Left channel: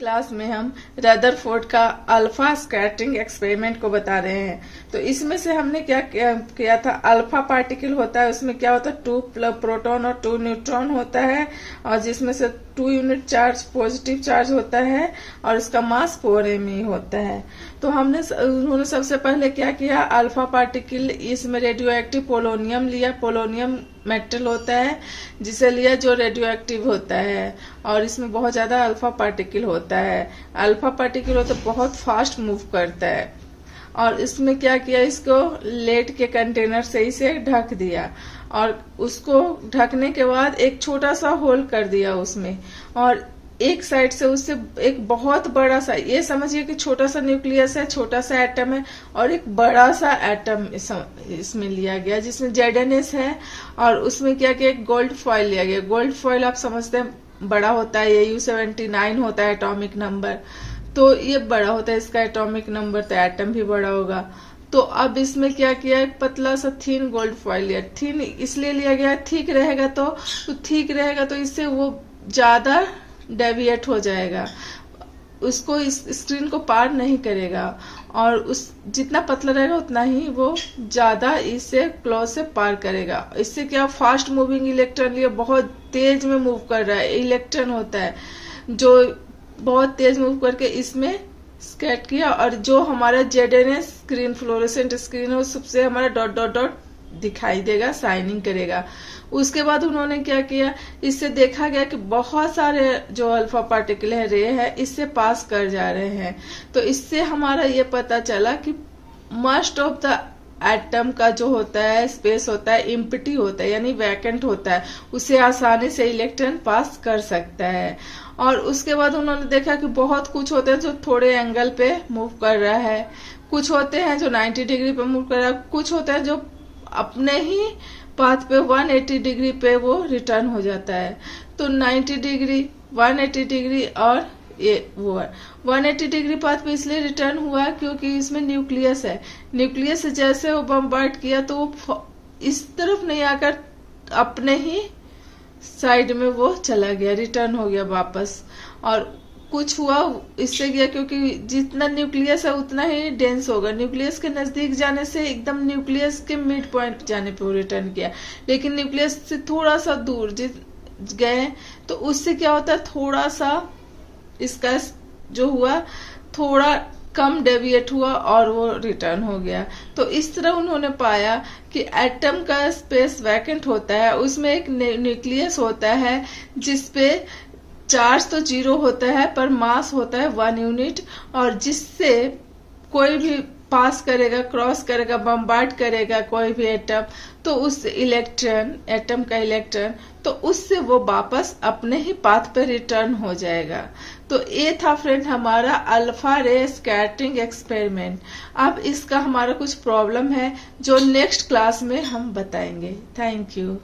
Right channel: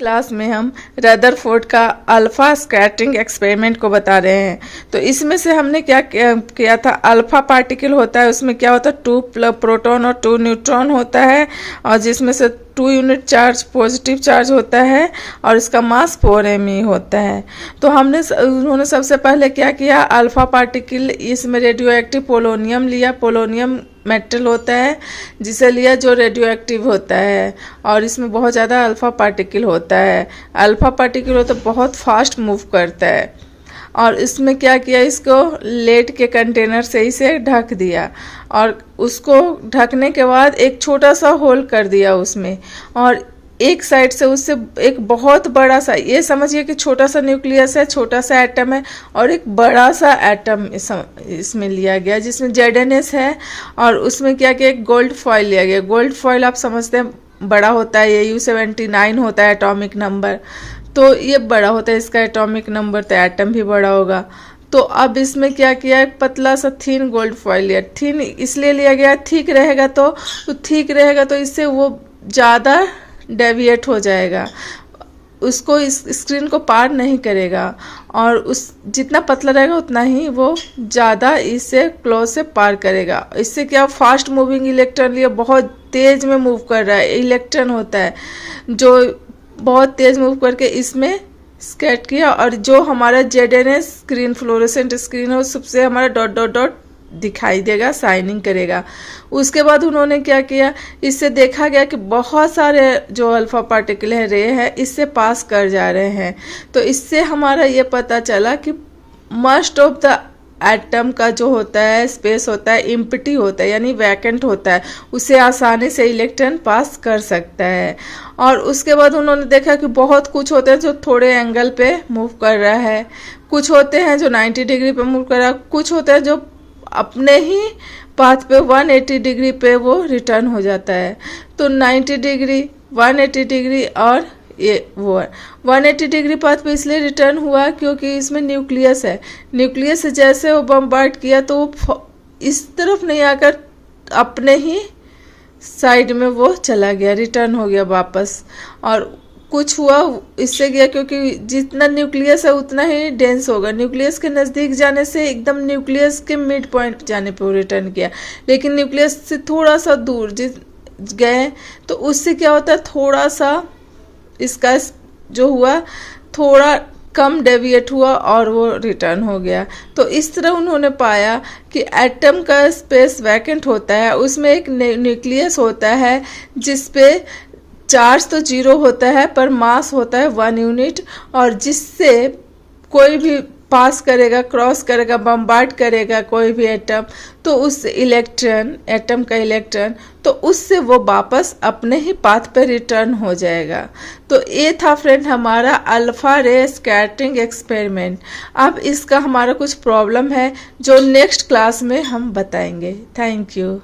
Class में हम Rutherford का अल्फा स्कैटरिंग एक्सपेरिमेंट को बता रहे हैं। तो इसमें से हमने क्या किया था, अल्फा पार्टिकल होता है, उसमें क्या होता है 2 प्रोटॉन और 2 न्यूट्रॉन होता है, और जिसमें से 2 यूनिट चार्ज पॉजिटिव चार्ज होता है और इसका मास 4 me होता है। तो उन्होंने सबसे पहले क्या किया, अल्फा पार्टिकल, इसमें रेडियो एक्टिव पोलोनियम लिया। पोलोनियम मेटल होता है जिसे लिया जो रेडियो एक्टिव होता है, और इसमें बहुत ज़्यादा अल्फा पार्टिकल होता है। अल्फा पार्टिकल होता है बहुत फास्ट मूव करता है, और इसमें क्या किया, इसको लेड के कंटेनर से इसे ढक दिया, और उसको ढकने के बाद एक छोटा सा होल कर दिया उसमें, और एक साइड से उससे एक बहुत बड़ा सा, ये समझिए कि छोटा सा न्यूक्लियस है, छोटा सा एटम है, और एक बड़ा सा एटम इसमें लिया गया जिसमें ZNS है, और उसमें क्या किया, एक गोल्ड फॉइल लिया गया। गोल्ड फॉइल आप समझते हैं बड़ा होता है, ये U79 होता है एटॉमिक नंबर, तो ये बड़ा होता है इसका एटॉमिक नंबर, तो एटम भी बड़ा होगा। तो अब इसमें क्या किया, एक पतला सा थीन गोल्ड फॉइल लिया। थीन इसलिए लिया गया, ठीक रहेगा तो ठीक रहेगा, तो इससे वो ज़्यादा डेविएट हो जाएगा, उसको इस स्क्रीन को पार नहीं करेगा, और उस जितना पतला रहेगा उतना ही वो ज़्यादा इससे क्लोज से पार करेगा। इससे क्या, फास्ट मूविंग इलेक्ट्रॉन लिए बहुत तेज में मूव कर रहा है, इलेक्ट्रॉन होता है जो बहुत तेज मूव करके इसमें स्कैट किया, और जो हमारा ZNS स्क्रीन, फ्लोरोसेंट स्क्रीन है, उससे हमारा डॉट डॉट डॉट दिखाई देगा, शाइनिंग करेगा। उसके बाद उन्होंने क्या किया, इससे देखा गया कि बहुत सारे जो अल्फा पार्टिकल है, रे है, इससे पास कर जा रहे हैं। तो इससे हमारा ये पता चला कि मोस्ट ऑफ द एटम का जो होता है स्पेस होता है एम्प्टी होता है, यानी वैकेंट होता है, उसे आसानी से इलेक्ट्रॉन पास कर सकता है। और उसके बाद उन्होंने देखा कि बहुत कुछ होते हैं जो थोड़े एंगल पे मूव कर रहा है, कुछ होते हैं जो 90 डिग्री पे मूव कर रहा है, कुछ होता है जो अपने ही पाथ पे 180 डिग्री पे वो रिटर्न हो जाता है। तो 90 डिग्री, 180 डिग्री और ये वो 180 डिग्री पाथ पे इसलिए रिटर्न हुआ क्योंकि इसमें न्यूक्लियस है। न्यूक्लियस से जैसे वो बम्बार्ड किया तो वो इस तरफ नहीं आकर अपने ही साइड में वो चला गया, रिटर्न हो गया वापस। और कुछ हुआ इससे गया क्योंकि जितना न्यूक्लियस है उतना ही डेंस होगा, न्यूक्लियस के नज़दीक जाने से एकदम न्यूक्लियस के मिड पॉइंट जाने पे रिटर्न किया, लेकिन न्यूक्लियस से थोड़ा सा दूर गए तो उससे क्या होता है, थोड़ा सा इसका जो हुआ थोड़ा कम डेविएट हुआ और वो रिटर्न हो गया। तो इस तरह उन्होंने पाया कि एटम का स्पेस वैकेंट होता है, उसमें एक न्यूक्लियस होता है जिसपे चार्ज तो 0 होता है पर मास होता है 1 यूनिट, और जिससे कोई भी पास करेगा, क्रॉस करेगा, बम्बार्ड करेगा कोई भी एटम, तो उस इलेक्ट्रॉन, एटम का इलेक्ट्रॉन, तो उससे वो वापस अपने ही पाथ पर रिटर्न हो जाएगा। तो ये था फ्रेंड हमारा अल्फा रे स्कैटरिंग एक्सपेरिमेंट। अब इसका हमारा कुछ प्रॉब्लम है जो नेक्स्ट क्लास में हम बताएंगे। Thank you.